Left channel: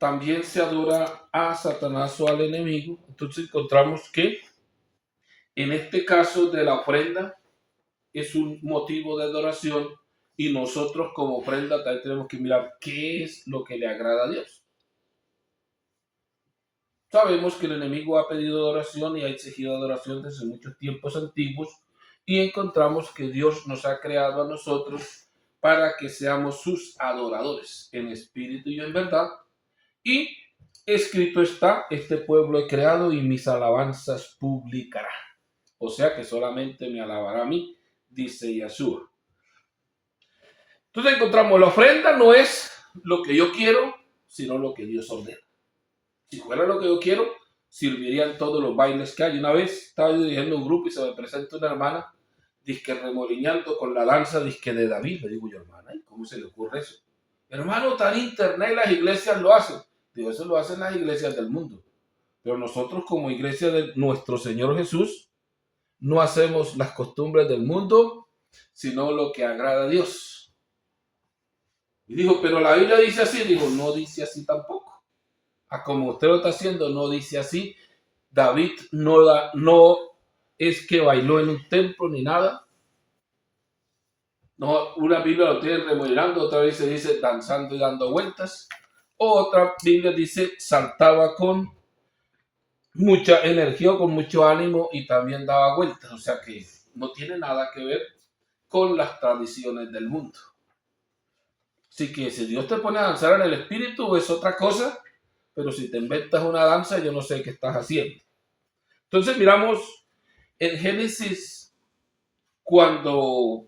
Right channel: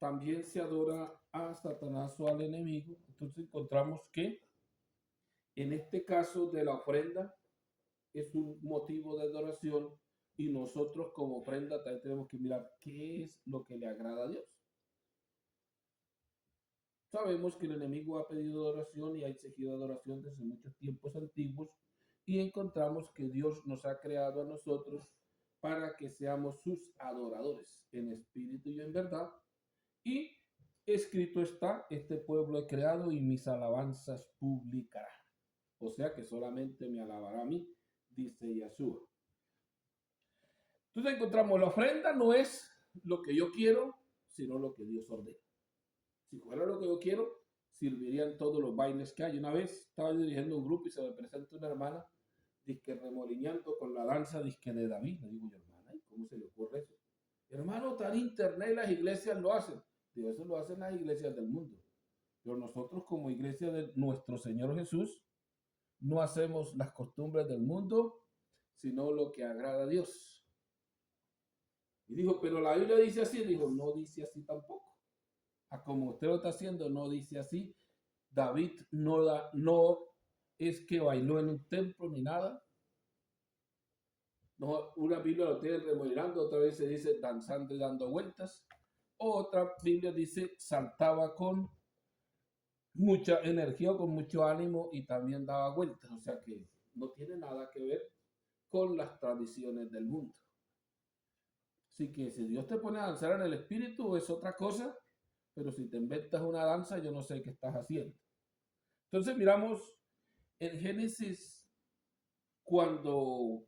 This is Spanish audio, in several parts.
también se adora a Satanás o al enemigo. Entonces encontramos que en este caso de la ofrenda es un motivo de adoración y nosotros como ofrenda también tenemos que mirar qué es lo que le agrada a Dios. Sabemos que el enemigo ha pedido adoración y ha exigido adoración desde muchos tiempos antiguos y encontramos que Dios nos ha creado a nosotros para que seamos sus adoradores en espíritu y en verdad. Y escrito está, este pueblo he creado y mis alabanzas publicará. O sea que solamente me alabará a mí, dice Yahshua. Entonces encontramos, la ofrenda no es lo que yo quiero, sino lo que Dios ordena. Si fuera lo que yo quiero, servirían todos los bailes que hay. Una vez estaba yo dirigiendo un grupo y se me presenta una hermana, disque remolineando con la danza disque de David. Le digo yo, hermana, ¿y cómo se le ocurre eso? Hermano, tan internet las iglesias lo hacen. Digo, eso lo hacen las iglesias del mundo. Pero nosotros como iglesia de nuestro Señor Jesús, no hacemos las costumbres del mundo, sino lo que agrada a Dios. Y dijo, pero la Biblia dice así. Dijo, no dice así tampoco. A como usted lo está haciendo, no dice así. David no es que bailó en un templo ni nada. No, una Biblia lo tiene remodelando, otra vez se dice danzando y dando vueltas. Otra Biblia dice saltaba con mucha energía, con mucho ánimo y también daba vueltas. O sea que no tiene nada que ver con las tradiciones del mundo. Así que si Dios te pone a danzar en el espíritu es otra cosa, pero si te inventas una danza, yo no sé qué estás haciendo. Entonces miramos en Génesis cuando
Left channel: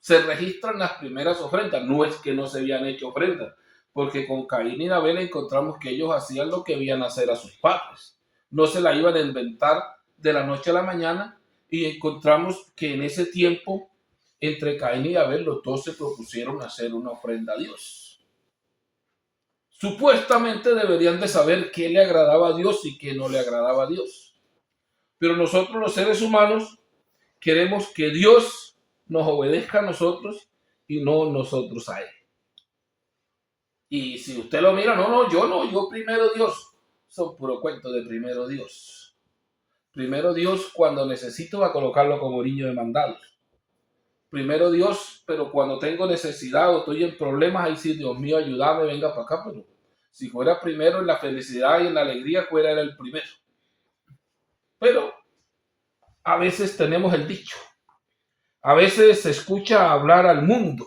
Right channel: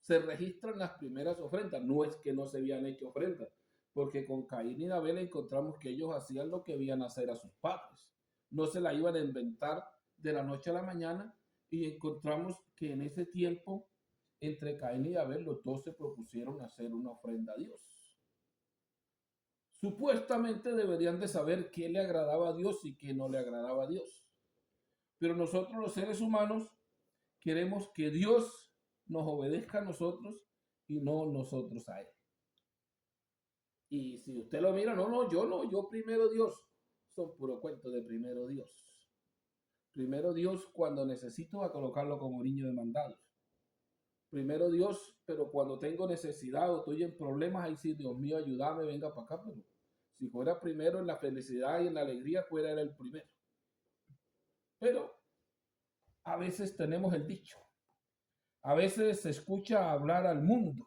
se registran las primeras ofrendas. No es que no se habían hecho ofrendas, porque con Caín y Abel encontramos que ellos hacían lo que veían hacer a sus padres. No se la iban a inventar de la noche a la mañana y encontramos que en ese tiempo entre Caín y Abel los dos se propusieron hacer una ofrenda a Dios. Supuestamente deberían de saber qué le agradaba a Dios y qué no le agradaba a Dios. Pero nosotros los seres humanos queremos que Dios nos obedezca a nosotros y no nosotros a Él. Y si usted lo mira, no, yo primero Dios. Son puro cuento de primero Dios. Primero Dios cuando necesito va a colocarlo como niño de mandados. Primero Dios, pero cuando tengo necesidad o estoy en problemas, ahí sí, Dios mío, ayúdame, venga para acá. Pero si fuera primero en la felicidad y en la alegría, fuera él el primero. Pero a veces tenemos el dicho. A veces se escucha hablar al mundo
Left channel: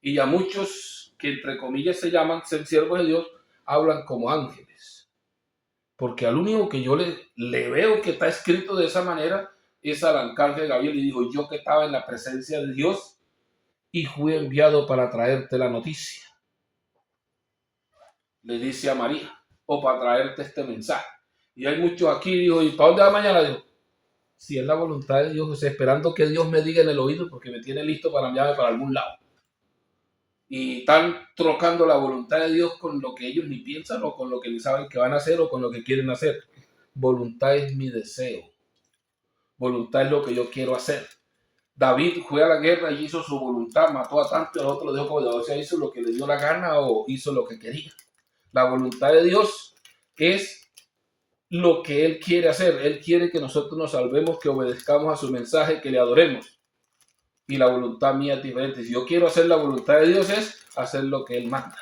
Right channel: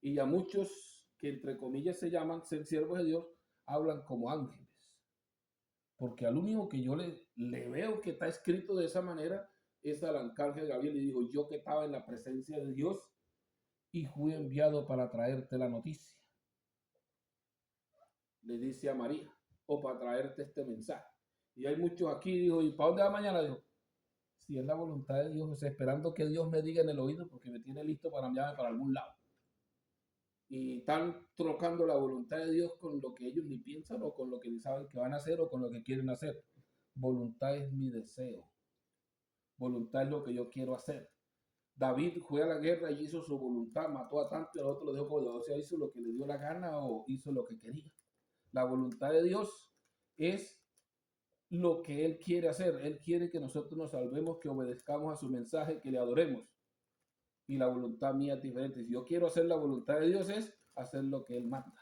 y a muchos que entre comillas se llaman ser siervos de Dios, hablan como ángeles. Porque al único que yo le veo que está escrito de esa manera es al arcángel Gabriel y dijo, yo que estaba en la presencia de Dios y fui enviado para traerte la noticia. Le dice a María, o para traerte este mensaje. Y hay muchos aquí, dijo, ¿y para dónde va mañana? Dijo, si es la voluntad de Dios, esperando que Dios me diga en el oído porque me tiene listo para enviarme para algún lado. Y están trocando la voluntad de Dios con lo que ellos ni piensan o con lo que ni saben que van a hacer o con lo que quieren hacer. Voluntad es mi deseo. Voluntad es lo que yo quiero hacer. David fue a la guerra y hizo su voluntad, mató a tantos, el otro lo dejó como de, o sea, hizo lo que le dio la gana o hizo lo que quería. La voluntad de Dios es lo que Él quiere hacer. Él quiere que nosotros nos salvemos, que obedezcamos a su mensaje, que le adoremos. Y la voluntad mía es diferente. Si yo quiero hacer la voluntad de Dios es hacer lo que Él manda.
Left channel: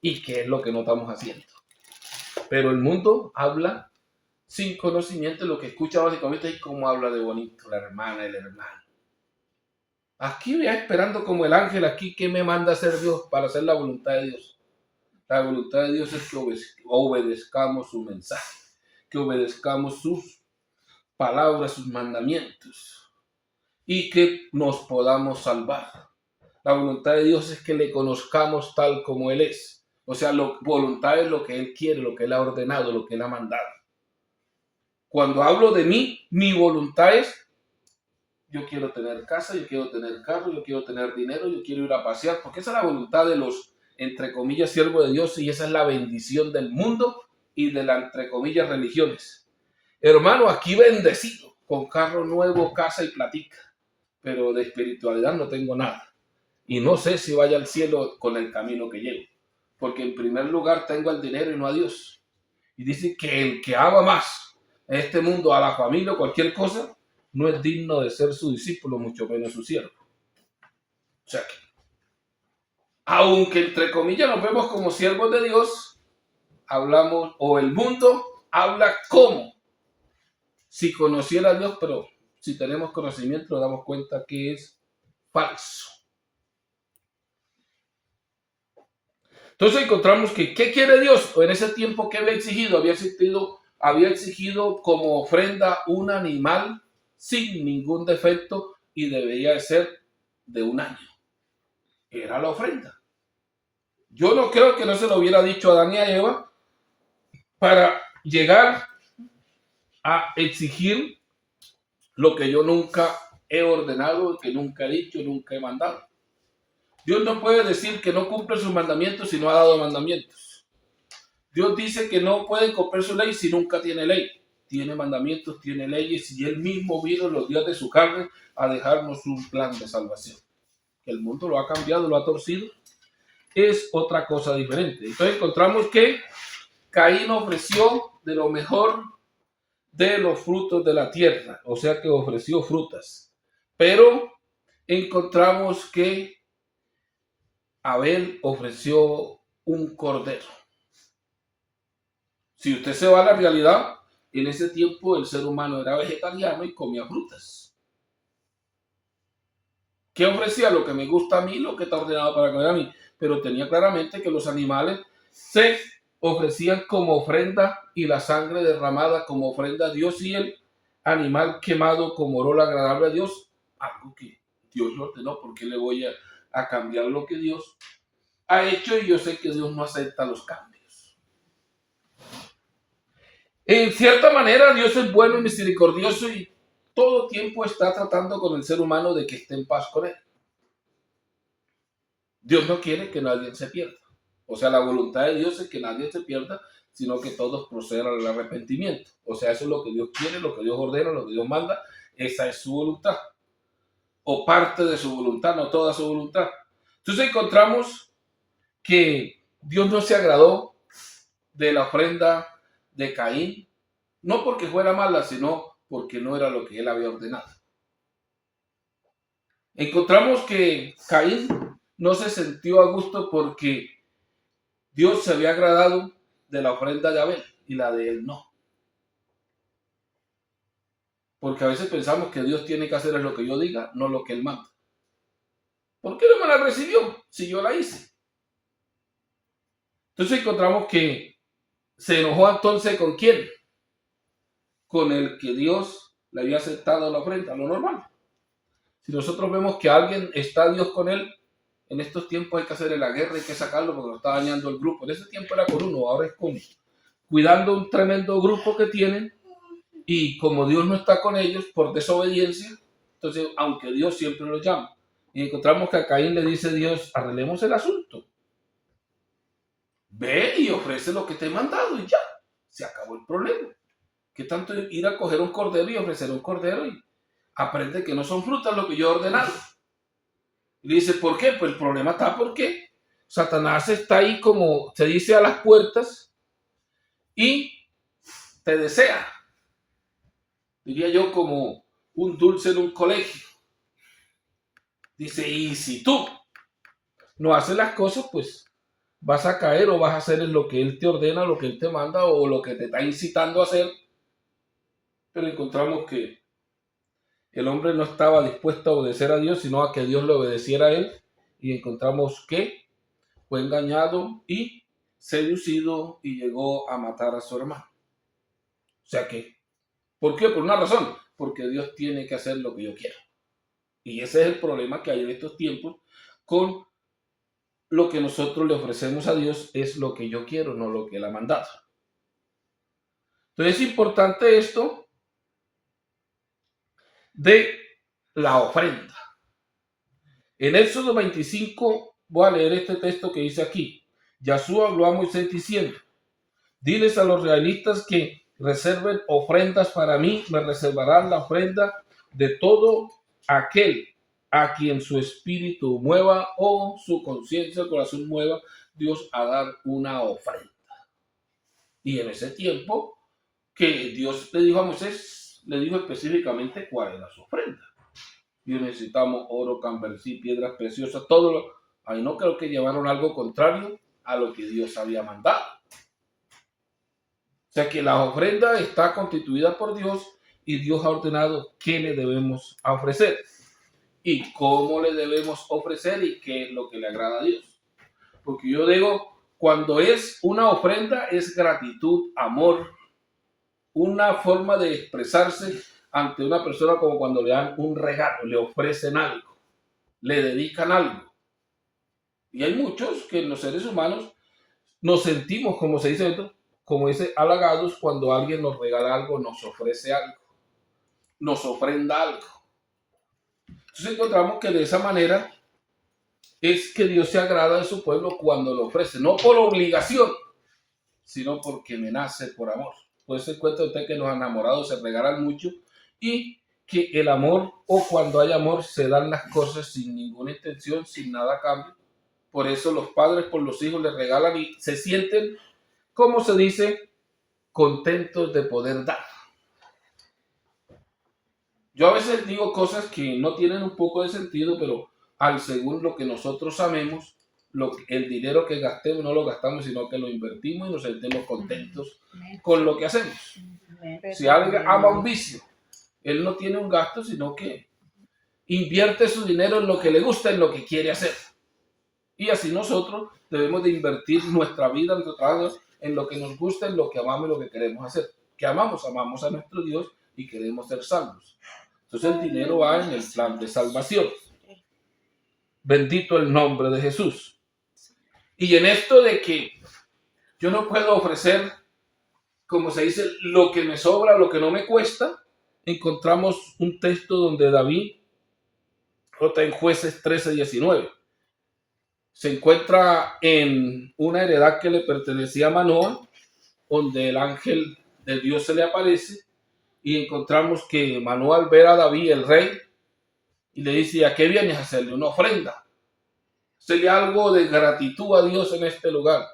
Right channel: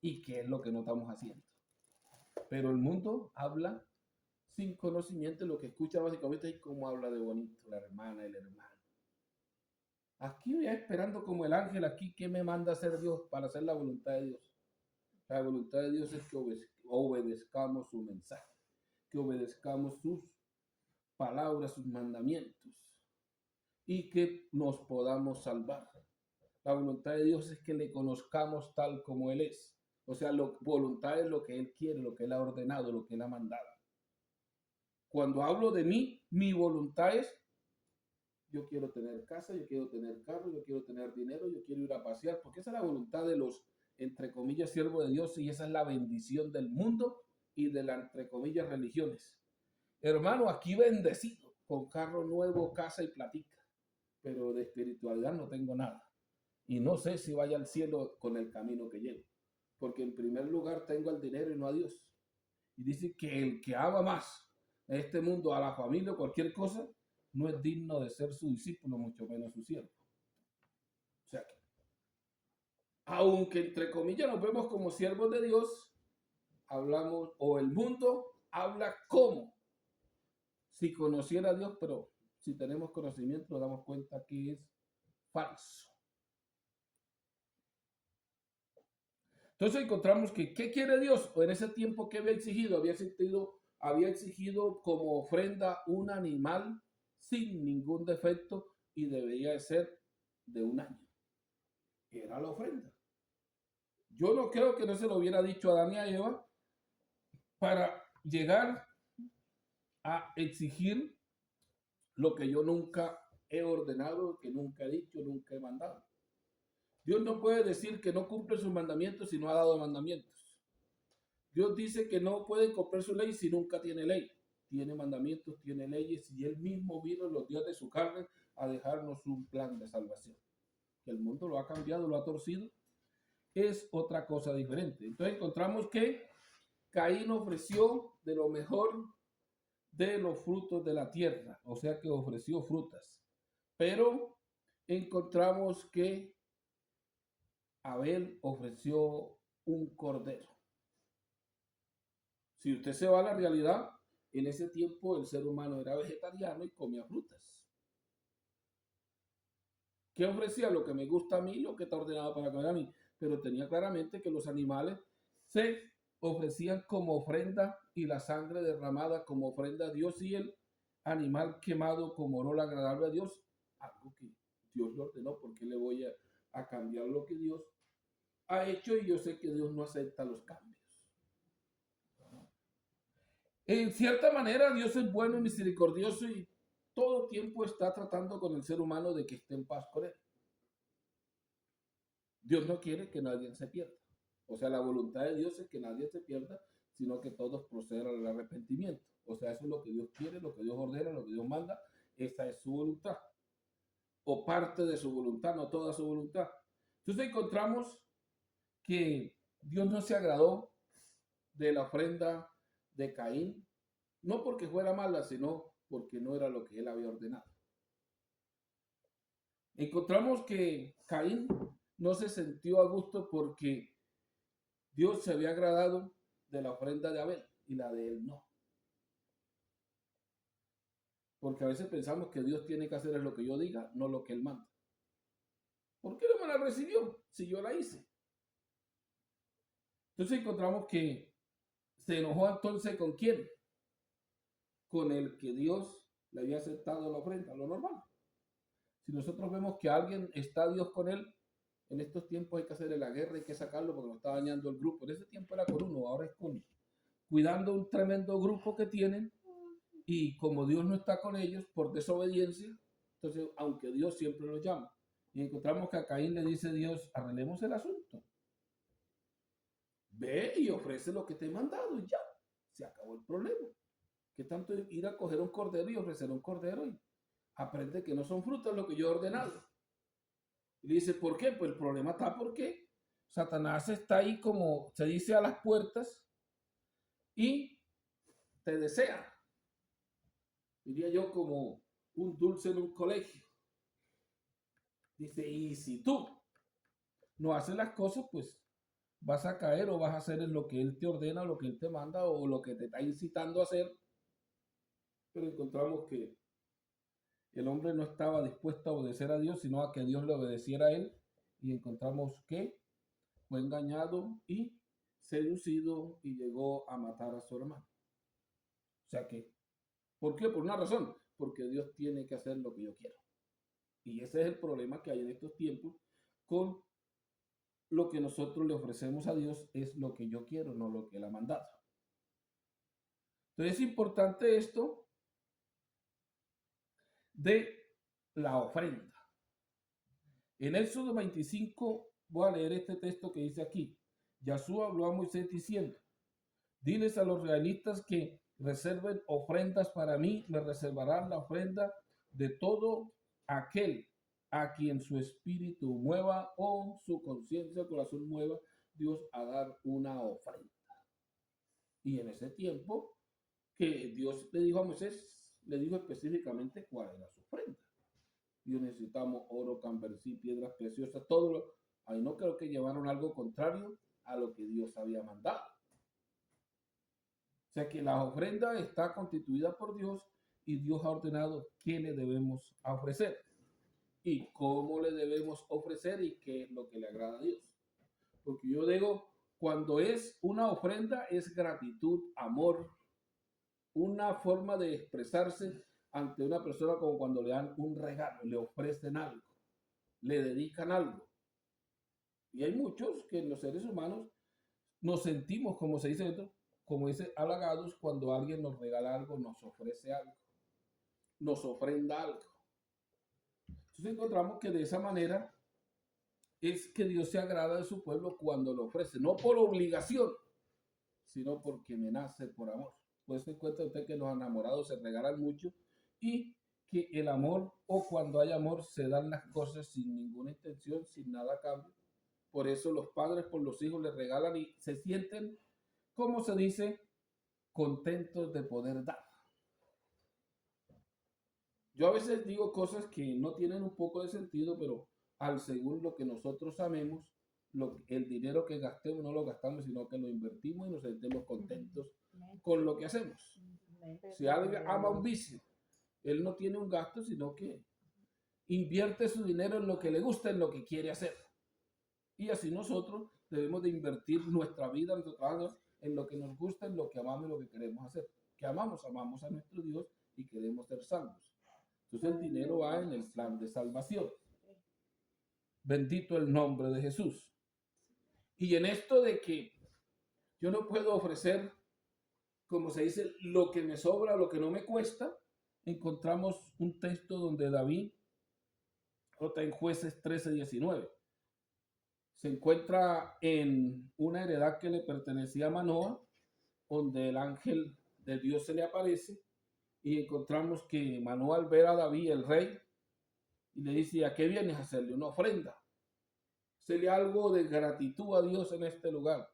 Y que es lo que no estamos haciendo. Pero el mundo habla sin conocimiento, lo que escucha básicamente es cómo habla de bonito la hermana, el hermano. Aquí voy esperando como el ángel aquí que me manda a hacer Dios para hacer la voluntad de Dios. La voluntad de Dios es que obedezcamos su mensaje, que obedezcamos sus palabras, sus mandamientos y que nos podamos salvar. La voluntad de Dios es que le conozcamos tal como Él es. O sea, voluntad es lo que Él quiere, lo que Él ha ordenado, lo que Él ha mandado. Cuando hablo de mí, mi voluntad es, yo quiero tener casa, yo quiero tener carro, yo quiero tener dinero, yo quiero ir a pasear, porque esa es la voluntad de los, entre comillas, siervos de Dios y esa es la bendición del mundo y de las, entre comillas, religiones. Hermano, aquí bendecido, con carro nuevo, casa y platica, pero de espiritualidad no tengo nada. Y no sé si vaya al cielo con el camino que llevo. porque en primer lugar tengo el dinero y no a Dios. Y dice que el que ama más en este mundo a la familia o cualquier cosa, no es digno de ser su discípulo, mucho menos su siervo. O sea que, aunque entre comillas nos vemos como siervos de Dios, hablamos, o el mundo habla como si conociera a Dios, pero si tenemos conocimiento nos damos cuenta que es falso. Entonces encontramos que, ¿qué quiere Dios? En ese tiempo, ¿qué había exigido? Había exigido como ofrenda un animal sin ningún defecto y debería de ser de un año. Era la ofrenda. Yo no creo que no se lo hubiera dicho a Adán y a Eva para llegar a exigir lo que yo nunca he ordenado, que nunca he dicho, nunca he mandado. Dios no puede decir que no cumple sus mandamientos si no ha dado mandamientos. Dios dice que no puede cumplir su ley si nunca tiene ley. Tiene mandamientos, tiene leyes y él mismo vino en los días de su carne a dejarnos un plan de salvación. El mundo lo ha cambiado, lo ha torcido. Es otra cosa diferente. Entonces encontramos que Caín ofreció de lo mejor de los frutos de la tierra, o sea que ofreció frutas. Pero encontramos que Abel ofreció un cordero. Si usted se va a la realidad, en ese tiempo el ser humano era vegetariano y comía frutas. ¿Qué ofrecía? Lo que me gusta a mí, lo que está ordenado para comer a mí. Pero tenía claramente que los animales se ofrecían como ofrenda y la sangre derramada como ofrenda a Dios y el animal quemado como olor agradable a Dios, algo que Dios lo ordenó. ¿Por qué le voy a cambiar lo que Dios ha hecho? Y yo sé que Dios no acepta los cambios. En cierta manera, Dios es bueno y misericordioso y todo tiempo está tratando con el ser humano de que esté en paz con él. Dios no quiere que nadie se pierda. O sea, la voluntad de Dios es que nadie se pierda, sino que todos procedan al arrepentimiento. O sea, eso es lo que Dios quiere, lo que Dios ordena, lo que Dios manda. Esa es su voluntad. O parte de su voluntad, no toda su voluntad. Entonces encontramos que Dios no se agradó de la ofrenda de Caín, no porque fuera mala, sino porque no era lo que él había ordenado. Encontramos que Caín no se sintió a gusto porque Dios se había agradado de la ofrenda de Abel y la de él no. Porque a veces pensamos que Dios tiene que hacer lo que yo diga, no lo que él manda. ¿Por qué no me la recibió si yo la hice? Entonces encontramos que se enojó entonces ¿con quién? Con el que Dios le había aceptado la ofrenda, lo normal. Si nosotros vemos que alguien está Dios con él, en estos tiempos hay que hacerle la guerra, hay que sacarlo porque lo está dañando el grupo. En ese tiempo era con uno, ahora es con cuidando un tremendo grupo que tienen y como Dios no está con ellos por desobediencia, entonces aunque Dios siempre los llama. Y encontramos que a Caín le dice Dios, arreglemos el asunto. Ve y ofrece lo que te he mandado y ya, se acabó el problema. ¿Qué tanto ir a coger un cordero y ofrecer un cordero y aprende que no son frutas lo que yo he ordenado? Y le dice, ¿por qué? Pues el problema está porque Satanás está ahí como se dice a las puertas y te desea. Diría yo como un dulce en un colegio. Dice, y si tú no haces las cosas, pues vas a caer o vas a hacer lo que él te ordena, lo que él te manda o lo que te está incitando a hacer. Pero encontramos que el hombre no estaba dispuesto a obedecer a Dios, sino a que Dios le obedeciera a él. Y encontramos que fue engañado y seducido y llegó a matar a su hermano. O sea que, ¿por qué? Por una razón, porque Dios tiene que hacer lo que yo quiero. Y ese es el problema que hay en estos tiempos con lo que nosotros le ofrecemos a Dios, es lo que yo quiero, no lo que Él ha mandado. Entonces es importante esto de la ofrenda. En Éxodo 25 voy a leer este texto que dice aquí. Yahshua habló a Moisés diciendo, diles a los realistas que reserven ofrendas para mí, me reservarán la ofrenda de todo aquel a quien su espíritu mueva o su conciencia, el corazón mueva Dios a dar una ofrenda. Y en ese tiempo que Dios le dijo a Moisés, le dijo específicamente cuál era su ofrenda. Y necesitamos oro, cambercí, piedras preciosas, todo lo... Ahí no creo que llevaron algo contrario a lo que Dios había mandado. O sea que la ofrenda está constituida por Dios y Dios ha ordenado qué le debemos ofrecer y cómo le debemos ofrecer y qué es lo que le agrada a Dios. Porque yo digo, cuando es una ofrenda es gratitud, amor, una forma de expresarse ante una persona como cuando le dan un regalo, le ofrecen algo, le dedican algo. Y hay muchos que los seres humanos nos sentimos, como se dice esto, como dice, halagados cuando alguien nos regala algo, nos ofrece algo, nos ofrenda algo. Entonces encontramos que de esa manera es que Dios se agrada de su pueblo cuando lo ofrece, no por obligación, sino porque me nace por amor. Por eso cuenta usted que los enamorados se regalan mucho y que el amor, o cuando hay amor, se dan las cosas sin ninguna intención, sin nada a cambio. Por eso los padres por los hijos les regalan y se sienten, como se dice, contentos de poder dar. Yo a veces digo cosas que no tienen un poco de sentido, pero al según lo que nosotros amemos, el dinero que gastemos no lo gastamos, sino que lo invertimos y nos sentimos contentos con lo que hacemos. Si alguien ama un vicio, él no tiene un gasto, sino que invierte su dinero en lo que le gusta, en lo que quiere hacer. Y así nosotros debemos de invertir nuestra vida, nuestro trabajo, en lo que nos gusta, en lo que amamos y lo que queremos hacer. ¿Qué amamos? Amamos a nuestro Dios y queremos ser salvos. Entonces el dinero va en el plan de salvación. Bendito el nombre de Jesús. Y en esto de que yo no puedo ofrecer, como se dice, lo que me sobra, lo que no me cuesta, encontramos un texto donde David, otra en Jueces 13:19, se encuentra en una heredad que le pertenecía a Manoah, donde el ángel de Dios se le aparece y encontramos que Manoah, al ver a David, el rey, y le dice, ¿a qué vienes a hacerle? Una ofrenda. Hacerle algo de gratitud a Dios en este lugar.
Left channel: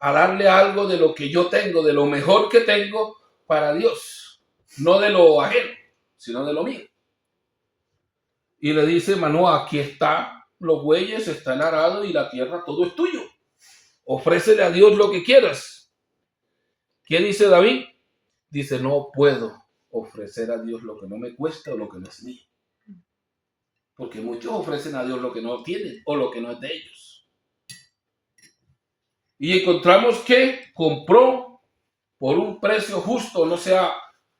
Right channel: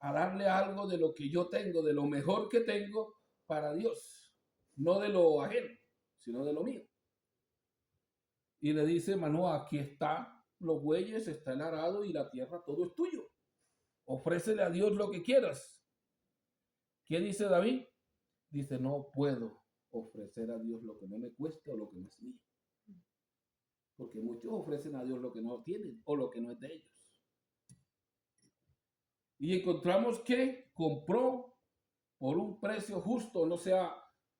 A darle algo de lo que yo tengo, de lo mejor que tengo para Dios. No de lo ajeno, sino de lo mío. Y le dice Manoah, aquí está, los bueyes están arados y la tierra, todo es tuyo. Ofrécele a Dios lo que quieras. ¿Qué dice David? Dice, no puedo ofrecer a Dios lo que no me cuesta o lo que no es mío. Porque muchos ofrecen a Dios lo que no tienen o lo que no es de ellos. Y encontramos que compró por un precio justo, no sea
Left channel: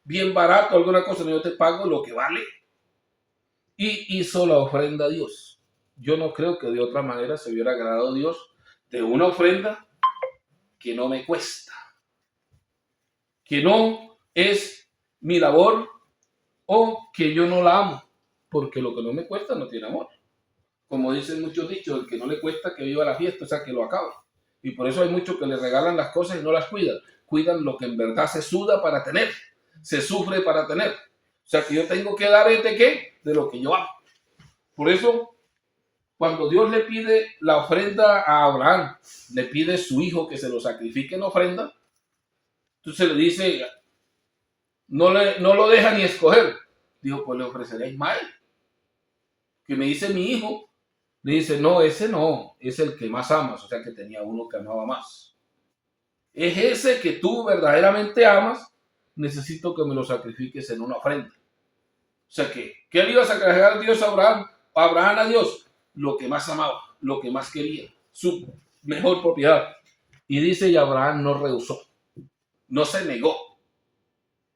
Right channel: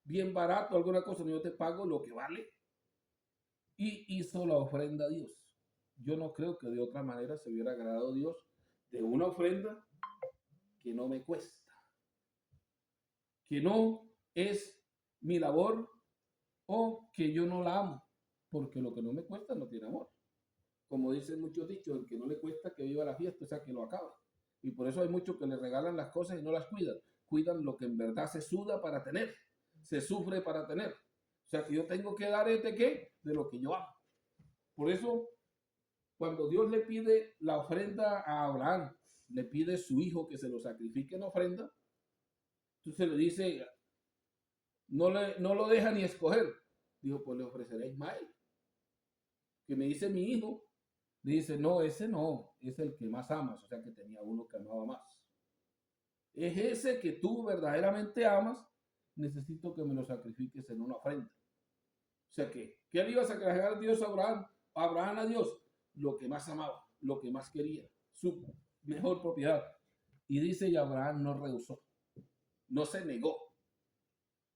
bien barato, alguna cosa, no, yo te pago lo que vale. Y hizo la ofrenda a Dios. Yo no creo que de otra manera se hubiera agradado a Dios de una ofrenda que no me cuesta, que no es mi labor o que yo no la amo, porque lo que no me cuesta no tiene amor. Como dicen muchos dichos, el que no le cuesta que viva la fiesta, o sea, que lo acaba. Y por eso hay muchos que le regalan las cosas y no las cuidan. Cuidan lo que en verdad se suda para tener, se sufre para tener. O sea, que yo tengo que dar ¿qué? De lo que yo amo. Por eso, cuando Dios le pide la ofrenda a Abraham, le pide su hijo que se lo sacrifique en ofrenda, entonces le dice, no lo deja ni escoger. Dijo, pues le ofreceré a Ismael, que me dice mi hijo. Le dice, no, ese no, es el que más amas, o sea que tenía uno que amaba más. Es ese que tú verdaderamente amas, necesito que me lo sacrifiques en una ofrenda. O sea que, ¿qué le iba a sacrificar a Dios a Abraham? Abraham a Dios, lo que más amaba, lo que más quería, su mejor propiedad. Y dice, y Abraham no rehusó, no se negó,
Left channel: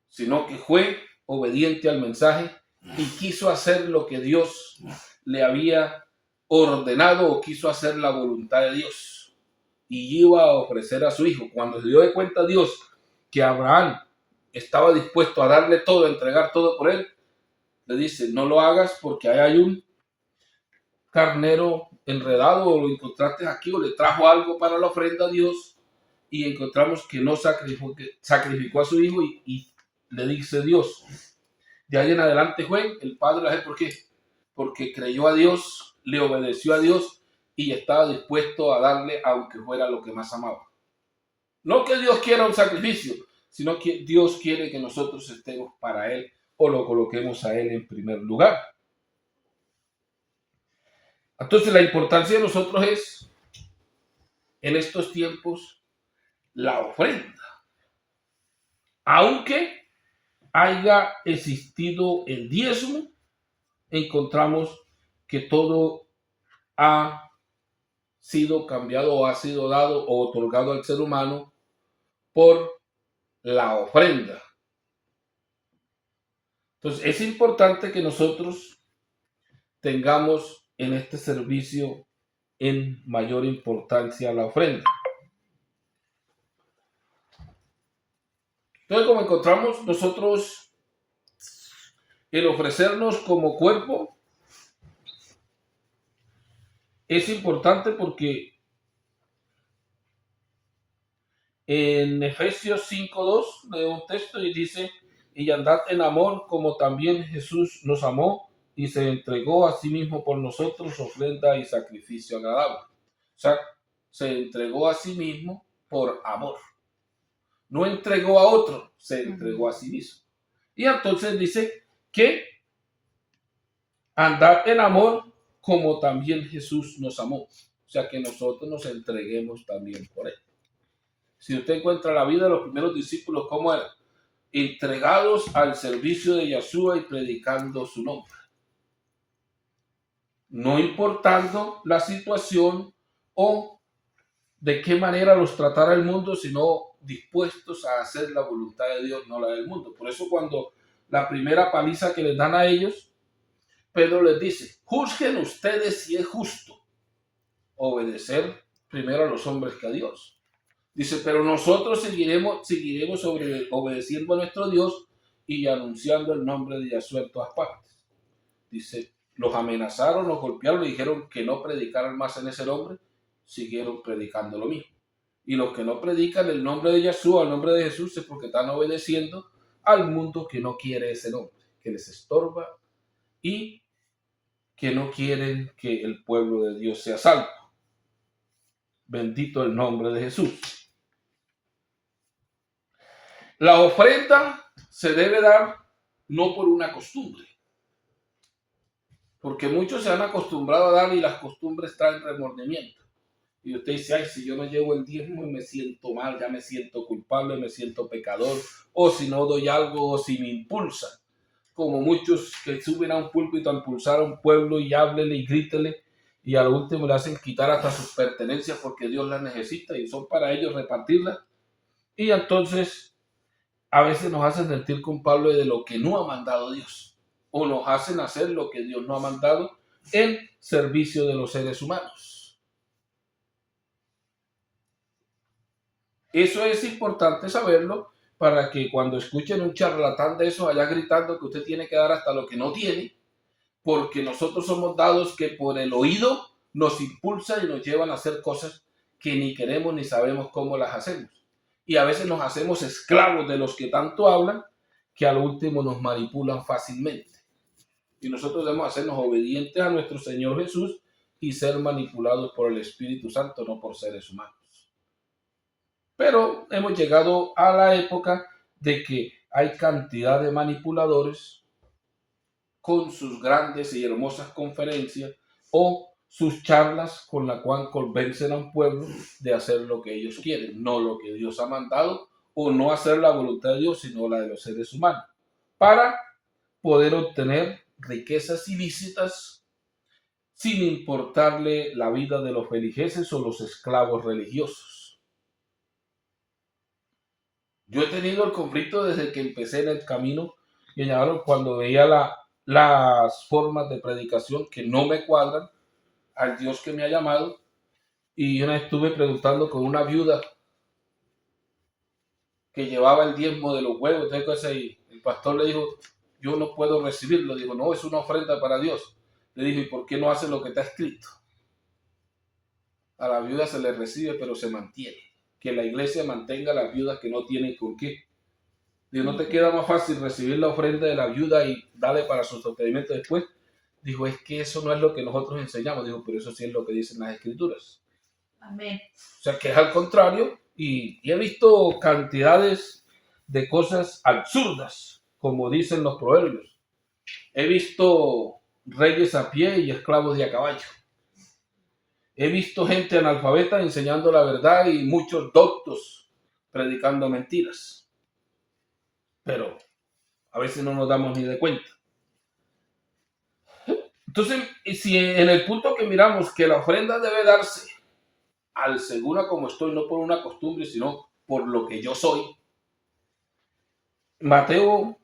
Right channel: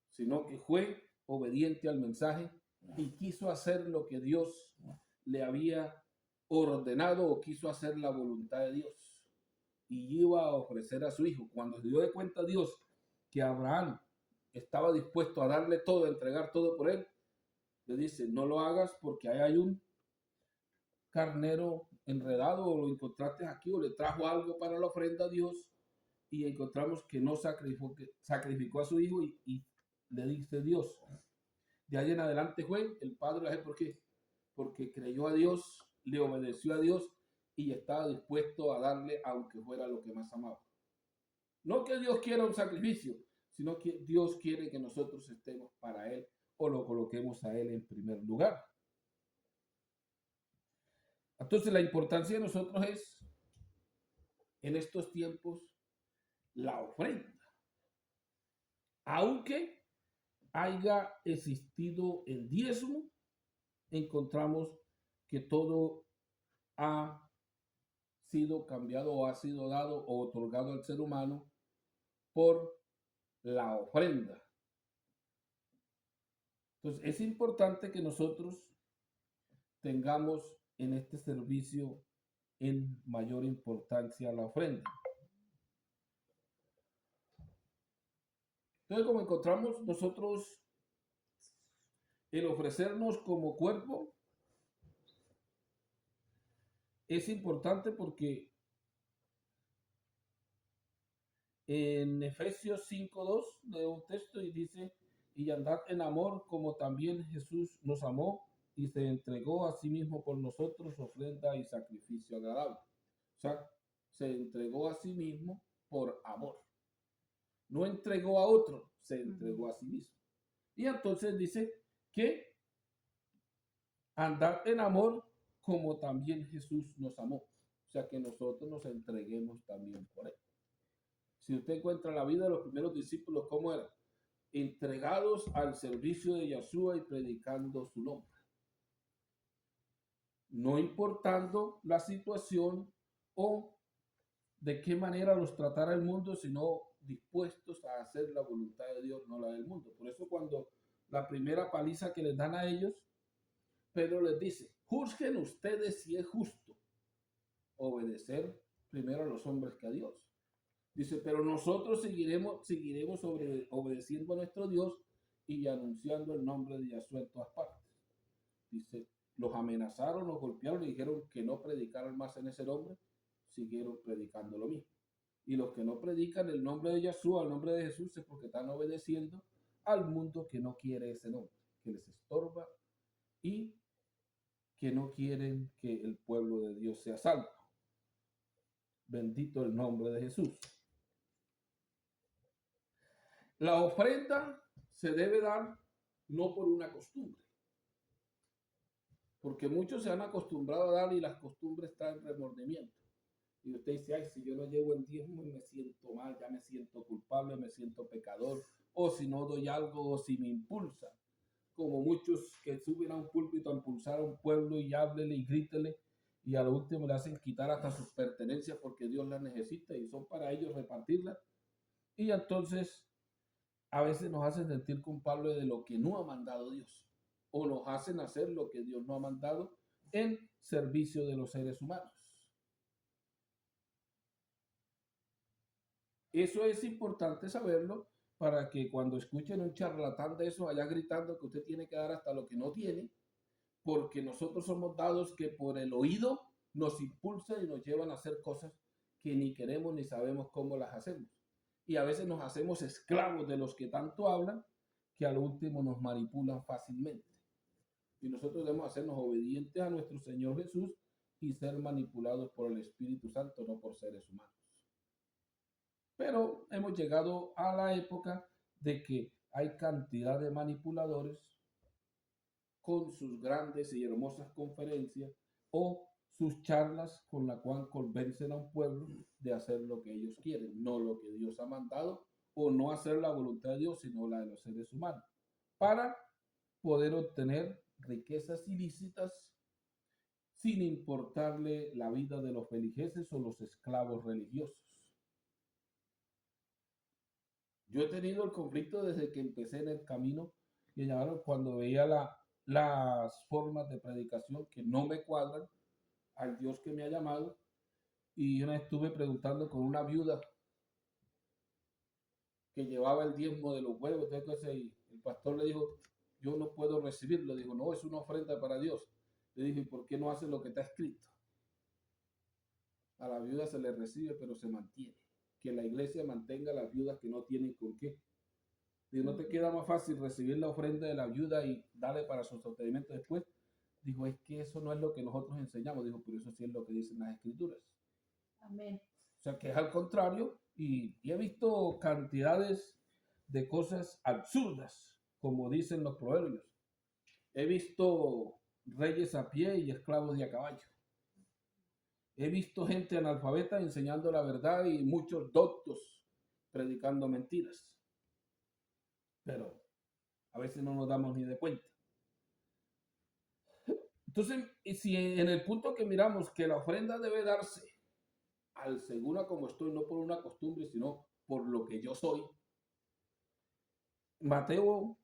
sino que fue obediente al mensaje y quiso hacer lo que Dios le había ordenado o quiso hacer la voluntad de Dios. Y iba a ofrecer a su hijo. Cuando se dio de cuenta Dios que Abraham estaba dispuesto a darle todo, a entregar todo por él, le dice, no lo hagas porque ahí hay un carnero enredado o lo encontraste aquí o le trajo algo para la ofrenda a Dios y encontramos que no sacrificó a su hijo y le dice Dios. De ahí en adelante fue el padre, ¿por qué? Porque creyó a Dios, le obedeció a Dios y estaba dispuesto a darle aunque fuera lo que más amaba. No que Dios quiera un sacrificio, sino que Dios quiere que nosotros estemos para Él o lo coloquemos a Él en primer lugar. Entonces la importancia de nosotros es, en estos tiempos, la ofrenda. Aunque haya existido el diezmo, encontramos que todo ha sido cambiado o ha sido dado o otorgado al ser humano por la ofrenda. Entonces es importante que nosotros tengamos en este servicio en mayor importancia la ofrenda. Entonces, como encontramos nosotros el ofrecernos como cuerpo, es importante porque en Efesios 5:2 leo un texto y dice, y andad en amor como también Jesús nos amó y se entregó a sí mismo por nosotros, ofrenda y sacrificio agradable. O sea, se entregó a sí mismo por amor. No entregó a otro, se entregó a sí mismo. Y entonces dice que andad en amor como también Jesús nos amó. O sea, que nosotros nos entreguemos también por Él. Si usted encuentra la vida de los primeros discípulos, ¿cómo eran? Entregados al servicio de Yeshua y predicando su nombre. No importando la situación o de qué manera los tratara el mundo, sino dispuestos a hacer la voluntad de Dios, no la del mundo. Por eso cuando la primera paliza que les dan a ellos, Pedro les dice, juzguen ustedes si es justo obedecer primero a los hombres que a Dios. Dice, pero nosotros seguiremos obedeciendo a nuestro Dios y anunciando el nombre de Yahshua en todas partes. Dice, los amenazaron, los golpearon, le dijeron que no predicaran más en ese nombre, siguieron predicando lo mismo. Y los que no predican el nombre de Yahshua, el nombre de Jesús, es porque están obedeciendo al mundo que no quiere ese nombre, que les estorba y que no quieren que el pueblo de Dios sea salvo. Bendito el nombre de Jesús. La ofrenda se debe dar no por una costumbre, porque muchos se han acostumbrado a dar y las costumbres traen remordimiento. Y usted dice, ay, si yo no llevo el diezmo me siento mal, ya me siento culpable, me siento pecador, o si no doy algo, o si me impulsan. Como muchos que suben a un púlpito a impulsar a un pueblo y háblele y grítele, y al último le hacen quitar hasta sus pertenencias porque Dios las necesita y son para ellos repartirlas. Y entonces a veces nos hacen sentir culpables de lo que no ha mandado Dios, o nos hacen hacer lo que Dios no ha mandado en servicio de los seres humanos. Eso es importante saberlo para que cuando escuchen un charlatán de esos allá gritando que usted tiene que dar hasta lo que no tiene, porque nosotros somos dados que por el oído nos impulsan y nos llevan a hacer cosas que ni queremos ni sabemos cómo las hacemos. Y a veces nos hacemos esclavos de los que tanto hablan, que al último nos manipulan fácilmente. Y nosotros debemos hacernos obedientes a nuestro Señor Jesús y ser manipulados por el Espíritu Santo, no por seres humanos. Pero hemos llegado a la época de que hay cantidad de manipuladores con sus grandes y hermosas conferencias o sus charlas con la cual convencen a un pueblo de hacer lo que ellos quieren, no lo que Dios ha mandado, o no hacer la voluntad de Dios, sino la de los seres humanos, para poder obtener riquezas ilícitas sin importarle la vida de los feligreses o los esclavos religiosos. Yo he tenido el conflicto desde que empecé en el camino y cuando veía las formas de predicación que no me cuadran al Dios que me ha llamado. Y yo me estuve preguntando con una viuda que llevaba el diezmo de los huevos. Entonces el pastor le dijo, yo no puedo recibirlo. Dijo, no, es una ofrenda para Dios. Le dijo, ¿y por qué no hace lo que está escrito? A la viuda se le recibe, pero se mantiene. Que la iglesia mantenga a las viudas que no tienen con qué. Digo, ¿no te queda más fácil recibir la ofrenda de la viuda y darle para su sostenimiento después Dijo, es que eso no es lo que nosotros enseñamos. Dijo, pero eso sí es lo que dicen las Escrituras. Amén. O sea, que es al contrario. Y he visto cantidades de cosas absurdas, como dicen los proverbios. He visto reyes a pie y esclavos de a caballo. He visto gente analfabeta enseñando la verdad y muchos doctos predicando mentiras. Pero a veces no nos damos ni de cuenta. Entonces, si en el punto que miramos que la ofrenda debe darse al segura como estoy, no por una costumbre, sino por lo que yo soy, Mateo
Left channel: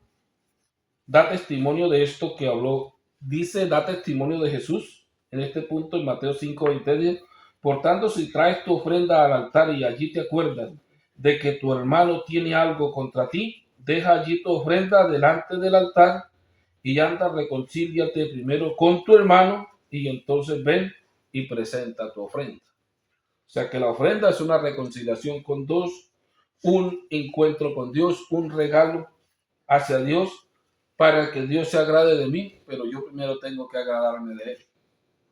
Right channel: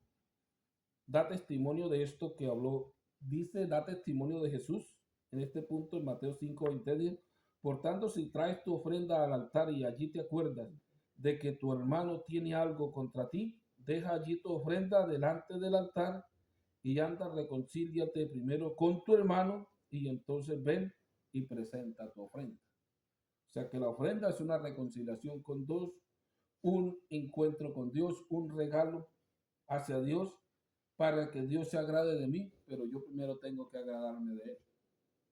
da testimonio de esto que habló, dice, da testimonio de Jesús en este punto en Mateo 5:20. Por tanto, si traes tu ofrenda al altar y allí te acuerdas de que tu hermano tiene algo contra ti, deja allí tu ofrenda delante del altar y anda, reconcíliate primero con tu hermano y entonces ven y presenta tu ofrenda. O sea que la ofrenda es una reconciliación con Dios, un encuentro con Dios, un regalo hacia Dios para que Dios se agrade de mí, pero yo primero tengo que agradarme de Él.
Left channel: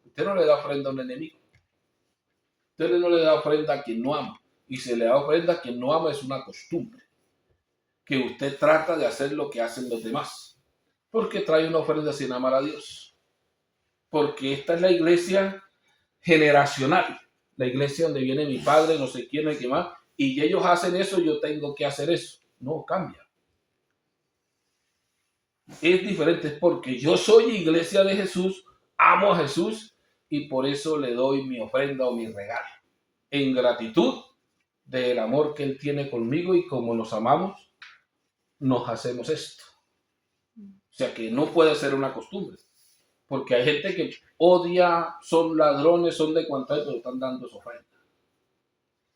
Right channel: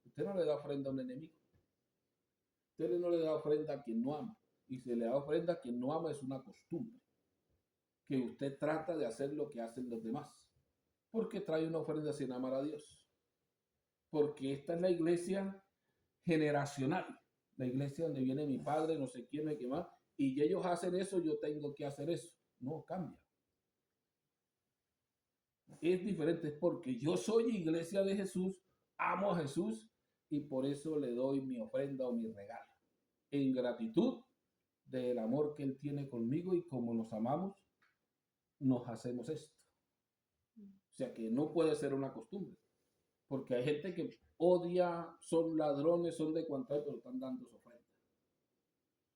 Usted no le da ofrenda a un enemigo. Usted no le da ofrenda a quien no ama. Y si le da ofrenda a quien no ama es una costumbre. Que usted trata de hacer lo que hacen los demás. Porque trae una ofrenda sin amar a Dios. Porque esta es la iglesia generacional. La iglesia donde viene mi padre, no sé quién, no hay que más. Y ellos hacen eso, yo tengo que hacer eso. No, cambia. Es diferente, es porque yo soy iglesia de Jesús, amo a Jesús y por eso le doy mi ofrenda o mi regalo. En gratitud del amor que Él tiene conmigo y como nos amamos, nos hacemos esto. O sea que no puede ser una costumbre. Porque hay gente que odia, son ladrones, son de cuanto hay, pero están dando su ofrenda.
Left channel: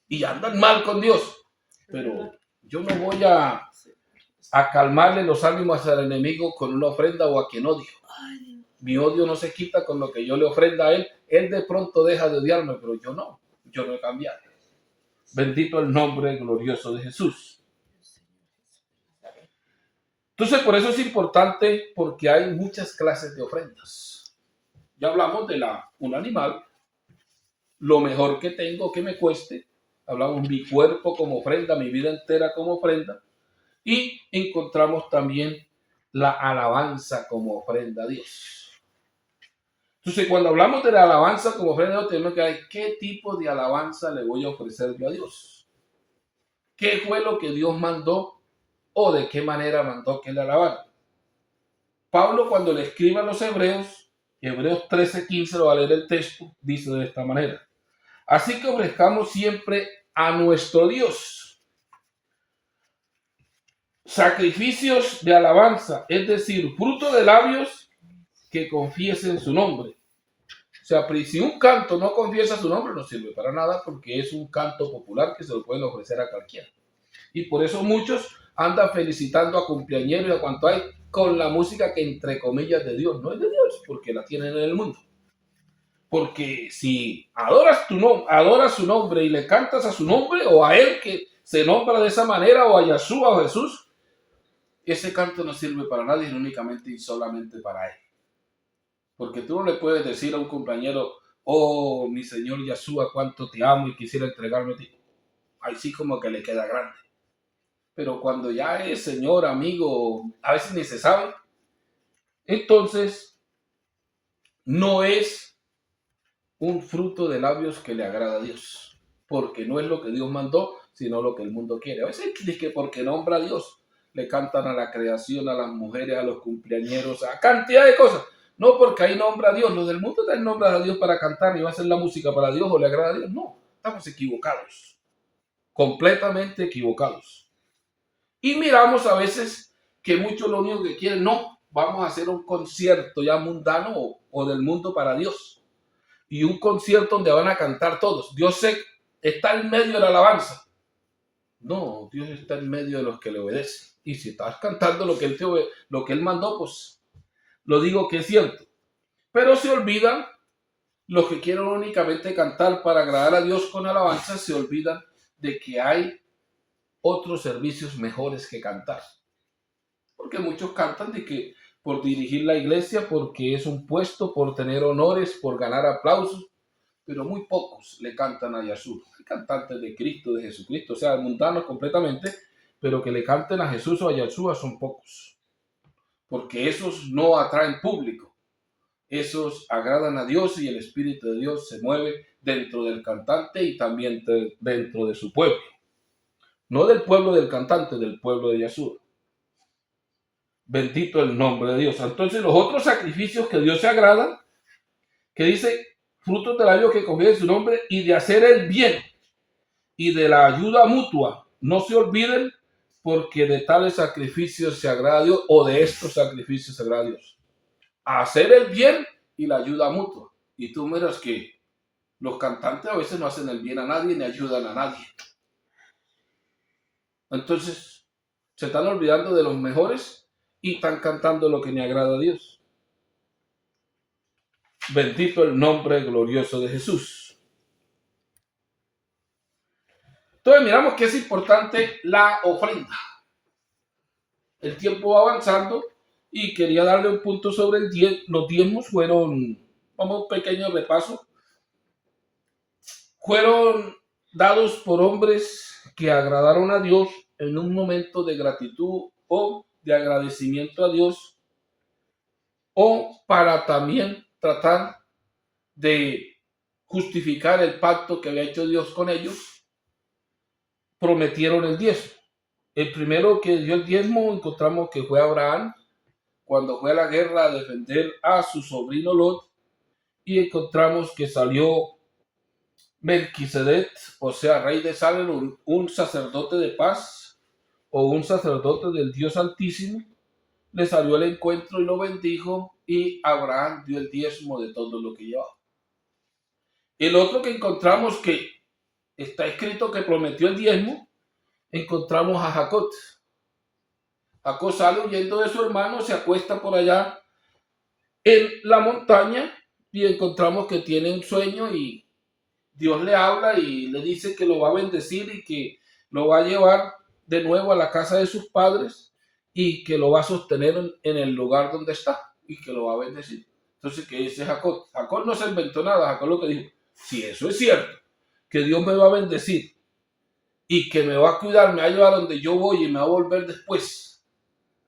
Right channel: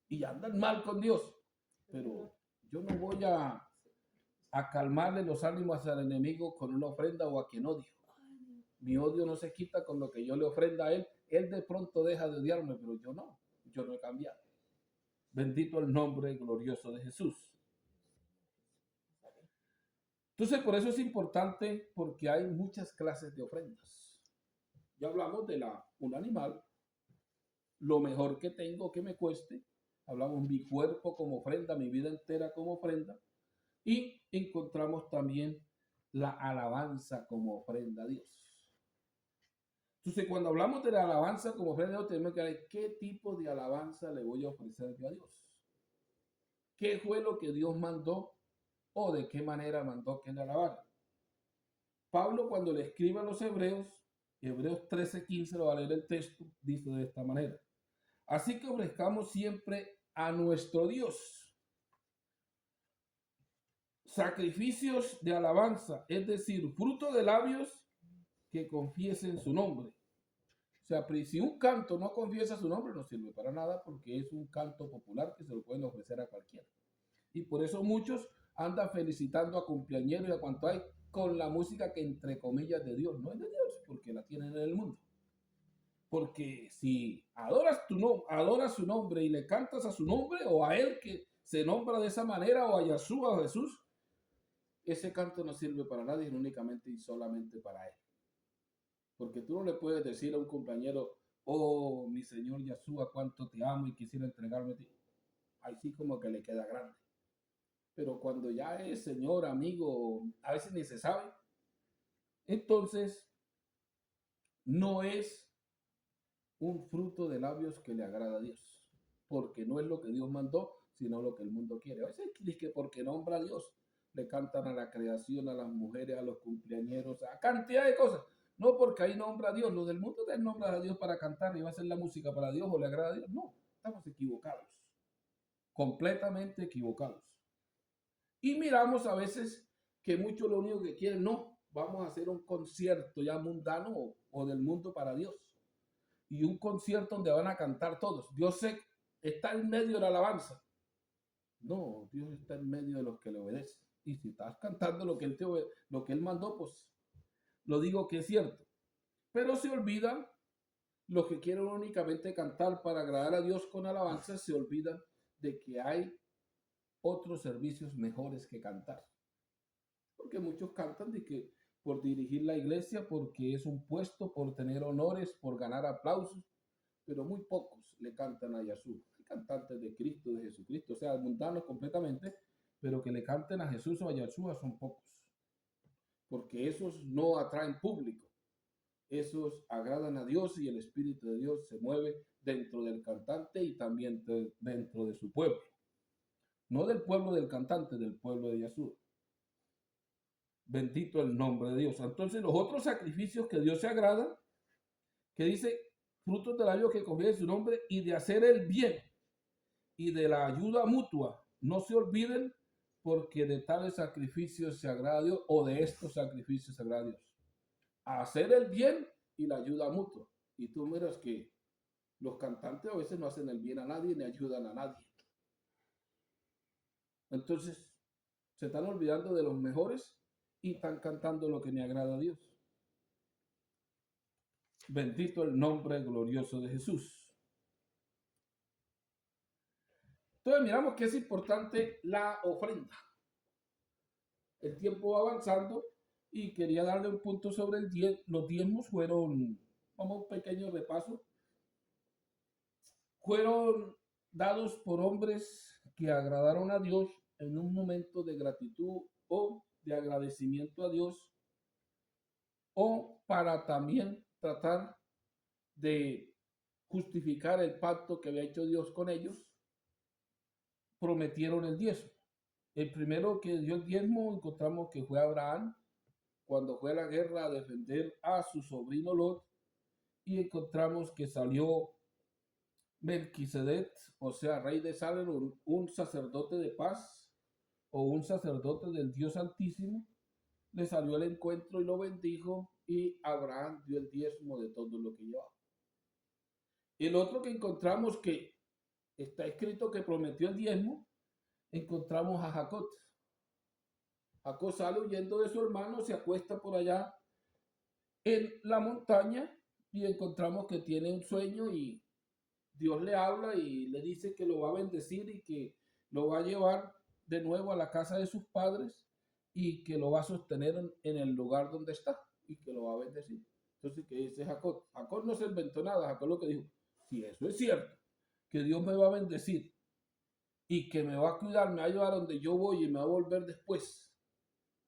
Y andan mal con Dios. Pero yo no voy a calmarle los ánimos al enemigo con una ofrenda o a quien odio. Mi odio no se quita con lo que yo le ofrenda a él. Él de pronto deja de odiarme, pero yo no. Yo no he cambiado. Bendito el nombre glorioso de Jesús. Entonces, por eso es importante, porque hay muchas clases de ofrendas. Ya hablamos de un animal, lo mejor que tengo, que me cueste. Hablamos mi cuerpo como ofrenda, mi vida entera como ofrenda. Y encontramos también la alabanza como ofrenda a Dios. Entonces, cuando hablamos de la alabanza como ofrenda a Dios, tenemos que ver qué tipo de alabanza le voy a ofrecer yo a Dios. ¿Qué fue lo que Dios mandó o de qué manera mandó que le alabaran? Pablo, cuando le escribe a los Hebreos 13:15, lo va a leer el texto, dice de esta manera: así que ofrezcamos siempre a nuestro Dios sacrificios de alabanza, es decir, fruto de labios que confiesen su nombre. O sea, si un canto no confiesa su nombre, no sirve para nada porque es un canto popular que se lo pueden ofrecer a cualquiera. Y por eso muchos andan felicitando a cumpleañeros y a cuanto hay con la música que entre comillas de Dios, no es de Dios, porque la tienen en el mundo. Porque si adoras su nombre y le cantas a su nombre o a él que se nombra de esa manera o a Yeshua o a Jesús, ese canto no sirve para nadie, sino únicamente y solamente para él. Porque tú no le puedes decir a un compañero, oh, mi Señor Yeshua, cuánto te amo y quisiera entregarme a ti. Ahí sí como que le queda grande. Pero cuando ya es Señor, amigo, a veces ni se sabe, entonces no es un fruto de labios que le agrada a Dios. Porque no es lo que Dios mandó, sino lo que el mundo quiere. A veces dice que porque nombra a Dios, le cantan a la creación, a las mujeres, a los cumpleañeros, a cantidad de cosas. No porque ahí nombra a Dios. Los del mundo también nombran a Dios para cantar y va a hacer la música para Dios o le agrada a Dios. No, estamos equivocados. Completamente equivocados. Y miramos a veces que muchos lo único que quieren, no, vamos a hacer un concierto ya mundano o del mundo para Dios. Y un concierto donde van a cantar todos. Dios está en medio de la alabanza. No, Dios está en medio de los que le obedecen. Y si estás cantando lo que Él mandó, pues lo digo que es cierto. Pero se olvidan los que quieren únicamente cantar para agradar a Dios con alabanza, se olvidan de que hay otros servicios mejores que cantar. Porque muchos cantan por dirigir la iglesia, porque es un puesto, por tener honores, por ganar aplausos, pero muy pocos le cantan a Yahshua. Hay cantantes de Cristo, de Jesucristo, o sea, mundanos completamente, pero que le canten a Jesús o a Yahshua son pocos, porque esos no atraen público, esos agradan a Dios y el Espíritu de Dios se mueve dentro del cantante y también dentro de su pueblo. No del pueblo del cantante, del pueblo de Yahshua. Bendito el nombre de Dios. Entonces los otros sacrificios que Dios se agrada, que dice, frutos del labio que confíe su nombre y de hacer el bien y de la ayuda mutua. No se olviden porque de tales sacrificios se agrada a Dios o de estos sacrificios se agrada a Dios. Hacer el bien y la ayuda mutua. Y tú miras que los cantantes a veces no hacen el bien a nadie ni ayudan a nadie. Entonces se están olvidando de los mejores y están cantando lo que le agrada a Dios. Bendito el nombre glorioso de Jesús. Entonces miramos que es importante la ofrenda. El tiempo va avanzando y quería darle un punto sobre el los diezmos. Fueron, vamos, un pequeño repaso. Fueron dados por hombres que agradaron a Dios en un momento de gratitud o de agradecimiento a Dios, o para también tratar de justificar el pacto que había hecho Dios con ellos. Prometieron el diezmo. El primero que dio el diezmo encontramos que fue Abraham, cuando fue a la guerra a defender a su sobrino Lot, y encontramos que salió Melquisedec, o sea, rey de Salem, un sacerdote de paz o un sacerdote del Dios Altísimo, le salió al encuentro y lo bendijo, y Abraham dio el diezmo de todo lo que llevaba. El otro que encontramos que está escrito que prometió el diezmo, encontramos a Jacob. Jacob sale huyendo de su hermano, se acuesta por allá en la montaña y encontramos que tiene un sueño y Dios le habla y le dice que lo va a bendecir y que lo va a llevar de nuevo a la casa de sus padres y que lo va a sostener en el lugar donde está y que lo va a bendecir. Entonces, ¿qué dice Jacob? Jacob no se inventó nada. Jacob lo que dijo, si eso es cierto, que Dios me va a bendecir y que me va a cuidar, me va a llevar donde yo voy y me va a volver después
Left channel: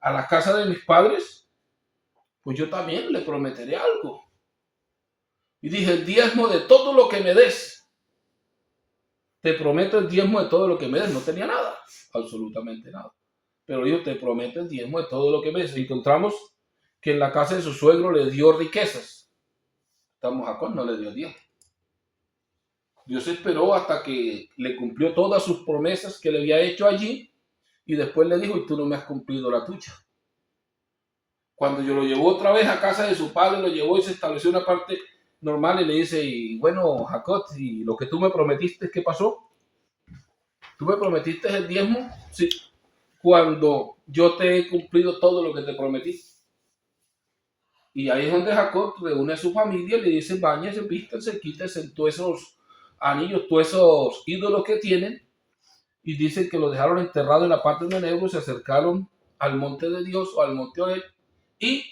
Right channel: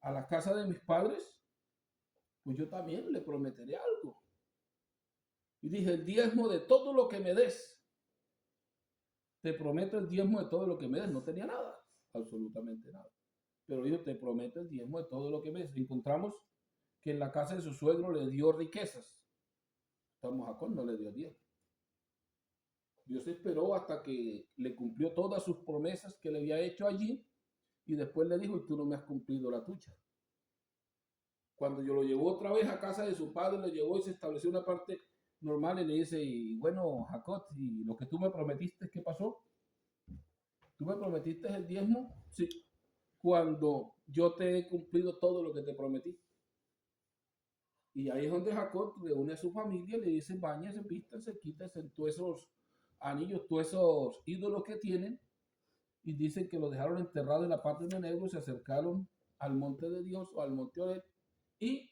a la casa de mis padres, pues yo también le prometeré algo. Y dije, el diezmo de todo lo que me des. Te prometo el diezmo de todo lo que me des. No tenía nada, absolutamente nada. Pero Dios te promete el diezmo de todo lo que me des. Encontramos que en la casa de su suegro le dio riquezas. Jacob no le dio diezmo. Dios esperó hasta que le cumplió todas sus promesas que le había hecho allí y después le dijo, y tú no me has cumplido la tuya. Cuando yo lo llevó otra vez a casa de su padre, lo llevó y se estableció una parte normal y le dice, y bueno, Jacob, ¿y lo que tú me prometiste, qué pasó? ¿Tú me prometiste el diezmo? Sí. Cuando yo te he cumplido todo lo que te prometí. Y ahí es donde Jacob reúne a su familia y le dice, báñense, vístanse, quítense todos esos anillos, todos esos ídolos que tienen. Y dicen que lo dejaron enterrado en la parte de Negro, se acercaron al monte de Dios o al monte Oreb y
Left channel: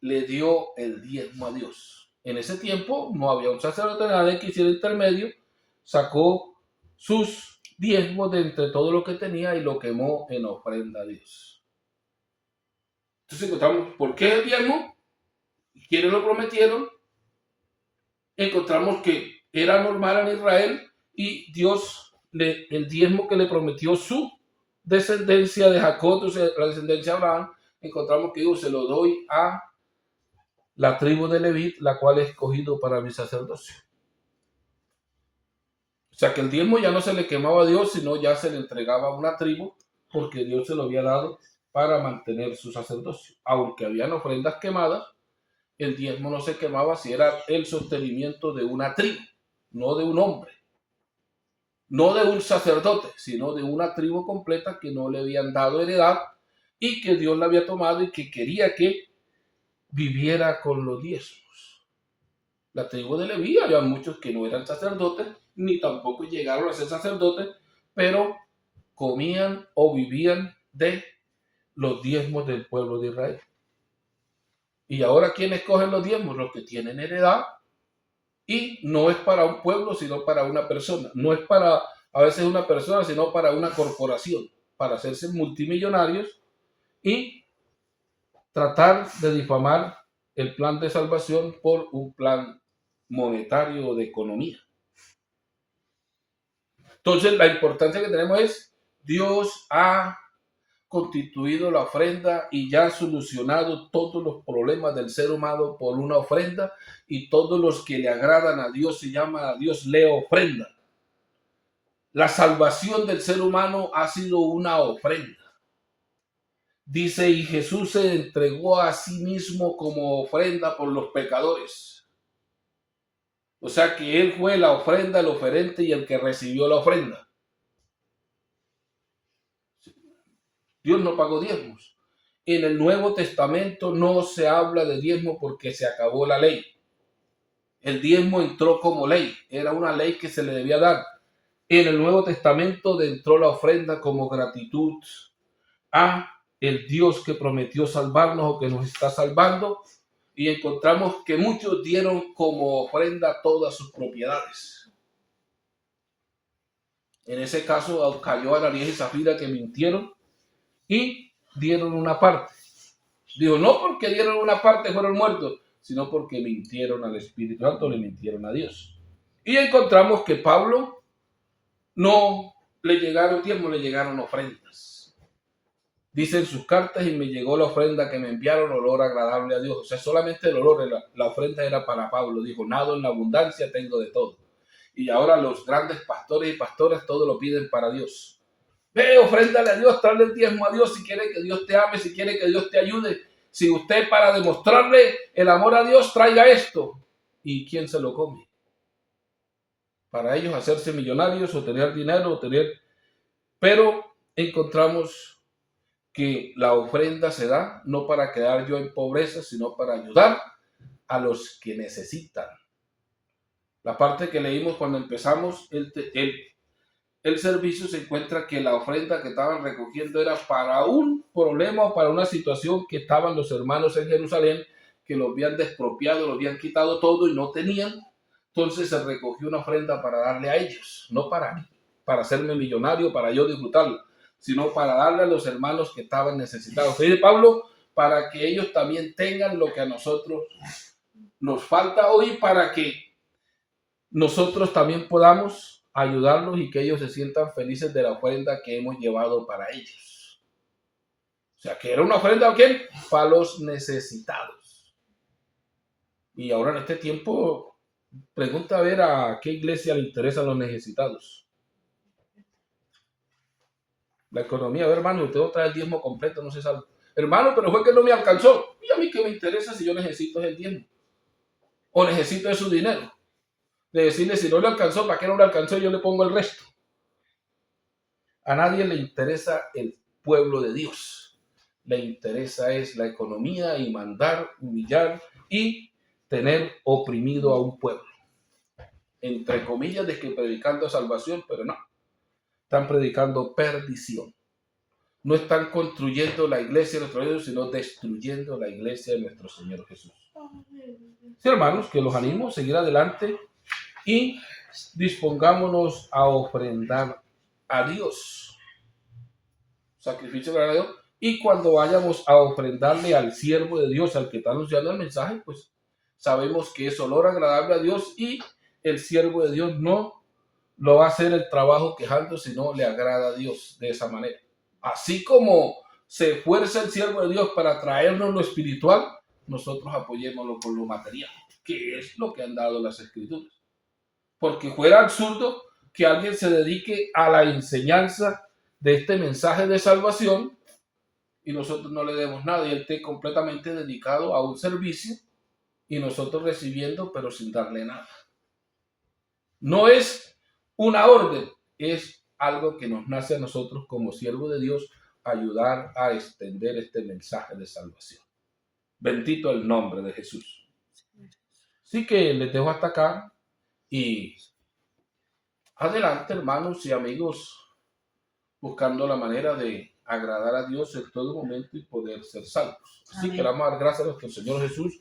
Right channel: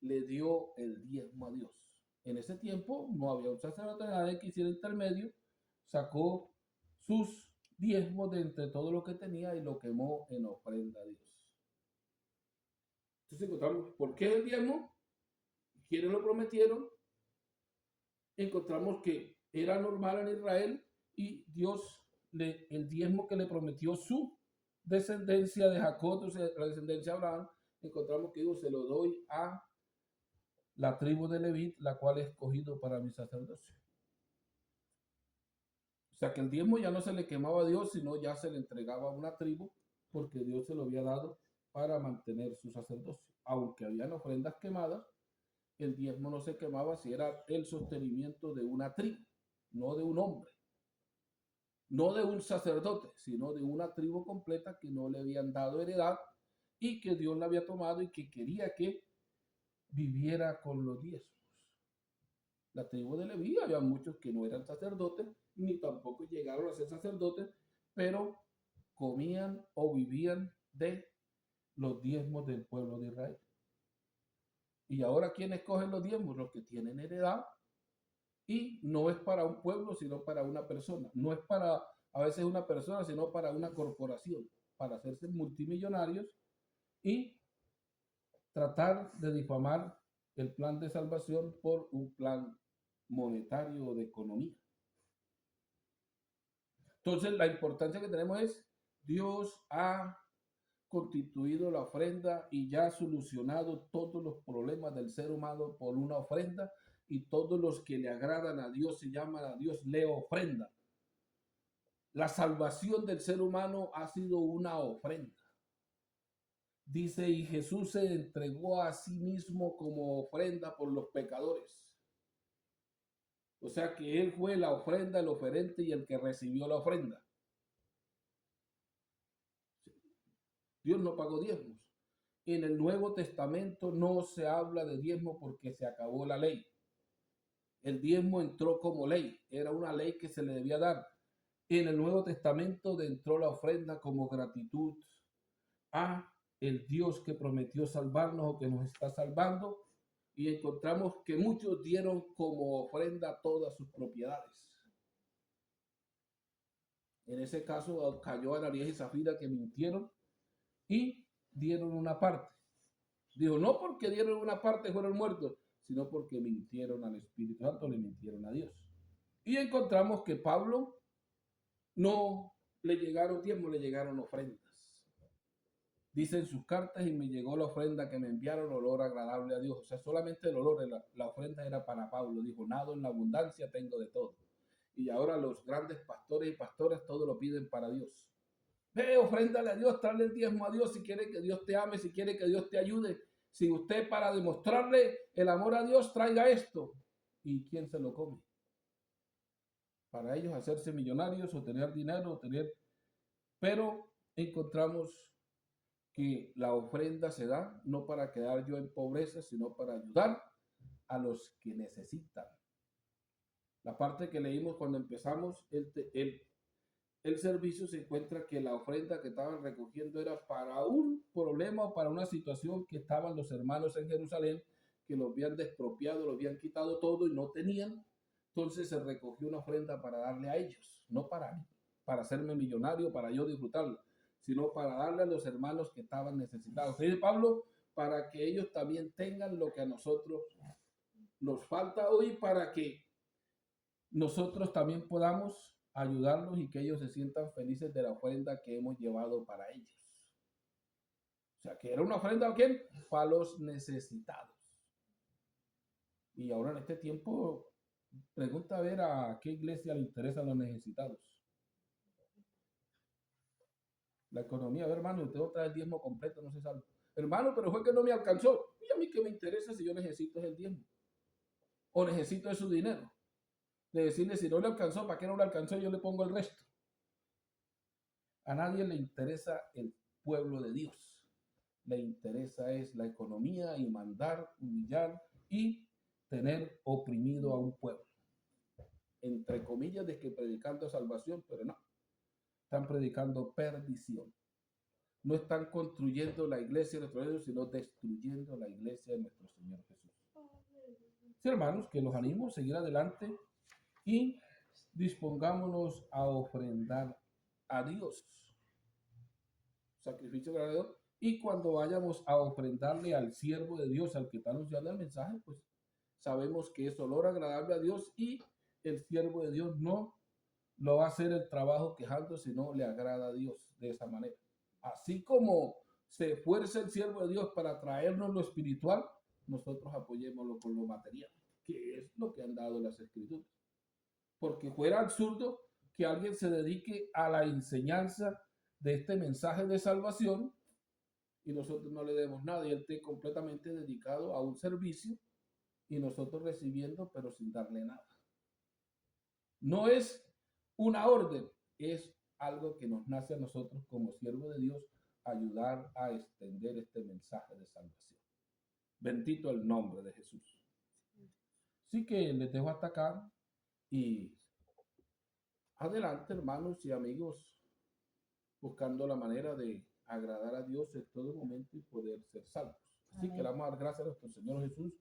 le dio el diezmo a Dios. En ese tiempo no había un sacerdote, nadie que hiciera intermedio, sacó sus diezmos de entre todo lo que tenía y lo quemó en ofrenda a Dios. Entonces encontramos, ¿por qué el diezmo? ¿Quiénes lo prometieron? Encontramos que era normal en Israel y Dios, el diezmo que le prometió su descendencia de Jacob, la descendencia de Abraham, encontramos que Dios se lo doy a la tribu de Leví, la cual he escogido para mi sacerdocio. O sea que el diezmo ya no se le quemaba a Dios, sino ya se le entregaba a una tribu, porque Dios se lo había dado para mantener su sacerdocio. Aunque habían ofrendas quemadas, el diezmo no se quemaba si era el sostenimiento de una tribu, no de un hombre, no de un sacerdote, sino de una tribu completa que no le habían dado heredad y que Dios la había tomado y que quería que viviera con los diezmos. La tribu de Leví, había muchos que no eran sacerdotes, ni tampoco llegaron a ser sacerdotes, pero comían o vivían de los diezmos del pueblo de Israel. Y ahora, ¿quiénes cogen los diezmos? Los que tienen heredad. Y no es para un pueblo, sino para una persona. No es para a veces una persona, sino para una corporación, para hacerse multimillonarios y tratar de difamar el plan de salvación por un plan monetario o de economía. Entonces, la importancia que tenemos es, Dios ha constituido la ofrenda y ya ha solucionado todos los problemas del ser humano por una ofrenda, y todos los que le agradan a Dios se llaman a Dios le ofrenda. La salvación del ser humano ha sido una ofrenda. Dice, y Jesús se entregó a sí mismo como ofrenda por los pecadores. O sea que Él fue la ofrenda, el oferente y el que recibió la ofrenda. Dios no pagó diezmos. En el Nuevo Testamento no se habla de diezmo porque se acabó la ley. El diezmo entró como ley, era una ley que se le debía dar. En el Nuevo Testamento entró la ofrenda como gratitud a el Dios que prometió salvarnos o que nos está salvando, y encontramos que muchos dieron como ofrenda todas sus propiedades. En ese caso cayó Ananías y Zafira, que mintieron y dieron una parte. Digo, no porque dieron una parte fueron muertos, sino porque mintieron al Espíritu Santo, le mintieron a Dios. Y encontramos que Pablo no le llegaron diezmos, le llegaron ofrendas. Dice en sus cartas, y me llegó la ofrenda que me enviaron, olor agradable a Dios. O sea, solamente el olor, la ofrenda era para Pablo. Dijo, nado en la abundancia, tengo de todo. Y ahora los grandes pastores y pastoras todo lo piden para Dios. Ve, ofréndale a Dios, tráele el diezmo a Dios si quiere que Dios te ame, si quiere que Dios te ayude. Si usted, para demostrarle el amor a Dios, traiga esto. ¿Y quién se lo come? Para ellos hacerse millonarios o tener dinero o tener... Pero encontramos que la ofrenda se da no para quedar yo en pobreza, sino para ayudar a los que necesitan. La parte que leímos cuando empezamos el servicio, se encuentra que la ofrenda que estaban recogiendo era para un problema o para una situación que estaban los hermanos en Jerusalén, que los habían despropiado, los habían quitado todo y no tenían. Entonces se recogió una ofrenda para darle a ellos, no para mí, para hacerme millonario, para yo disfrutarlo, sino para darle a los hermanos que estaban necesitados. Dice Pablo, para que ellos también tengan lo que a nosotros nos falta hoy, para que nosotros también podamos ayudarlos y que ellos se sientan felices de la ofrenda que hemos llevado para ellos. O sea, que era una ofrenda ¿a quién? Para los necesitados. Y ahora en este tiempo, pregunta a ver a qué iglesia le interesan los necesitados. La economía, a ver, hermano, usted trae el diezmo completo, no se sabe. Hermano, pero fue que no me alcanzó. ¿Y a mí qué me interesa si yo necesito el diezmo? O necesito de su dinero. De decirle, si no le alcanzó, ¿para qué no le alcanzó? Yo le pongo el resto. A nadie le interesa el pueblo de Dios. Le interesa es la economía y mandar, humillar y tener oprimido a un pueblo. Entre comillas, de que predicando salvación, pero no. Están predicando perdición. No están construyendo la iglesia de nuestro Dios, sino destruyendo la iglesia de nuestro Señor Jesús. Sí, hermanos, que los animo a seguir adelante y dispongámonos a ofrendar a Dios. Sacrificio para Dios. Y cuando vayamos a ofrendarle al siervo de Dios, al que está anunciando el mensaje, pues sabemos que es olor agradable a Dios, y el siervo de Dios no lo va a hacer el trabajo quejando, sino le agrada a Dios de esa manera. Así como se esfuerza el siervo de Dios para traernos lo espiritual, nosotros apoyémoslo con lo material, que es lo que han dado las Escrituras. Porque fuera absurdo que alguien se dedique a la enseñanza de este mensaje de salvación y nosotros no le demos nada, y él esté completamente dedicado a un servicio y nosotros recibiendo pero sin darle nada. No es una orden, es algo que nos nace a nosotros como siervos de Dios, ayudar a extender este mensaje de salvación. Bendito el nombre de Jesús. Así que les dejo hasta acá y adelante, hermanos y amigos, buscando la manera de agradar a Dios en todo momento y poder ser salvos. Así Amén. que le damos a dar gracias a nuestro Señor Jesús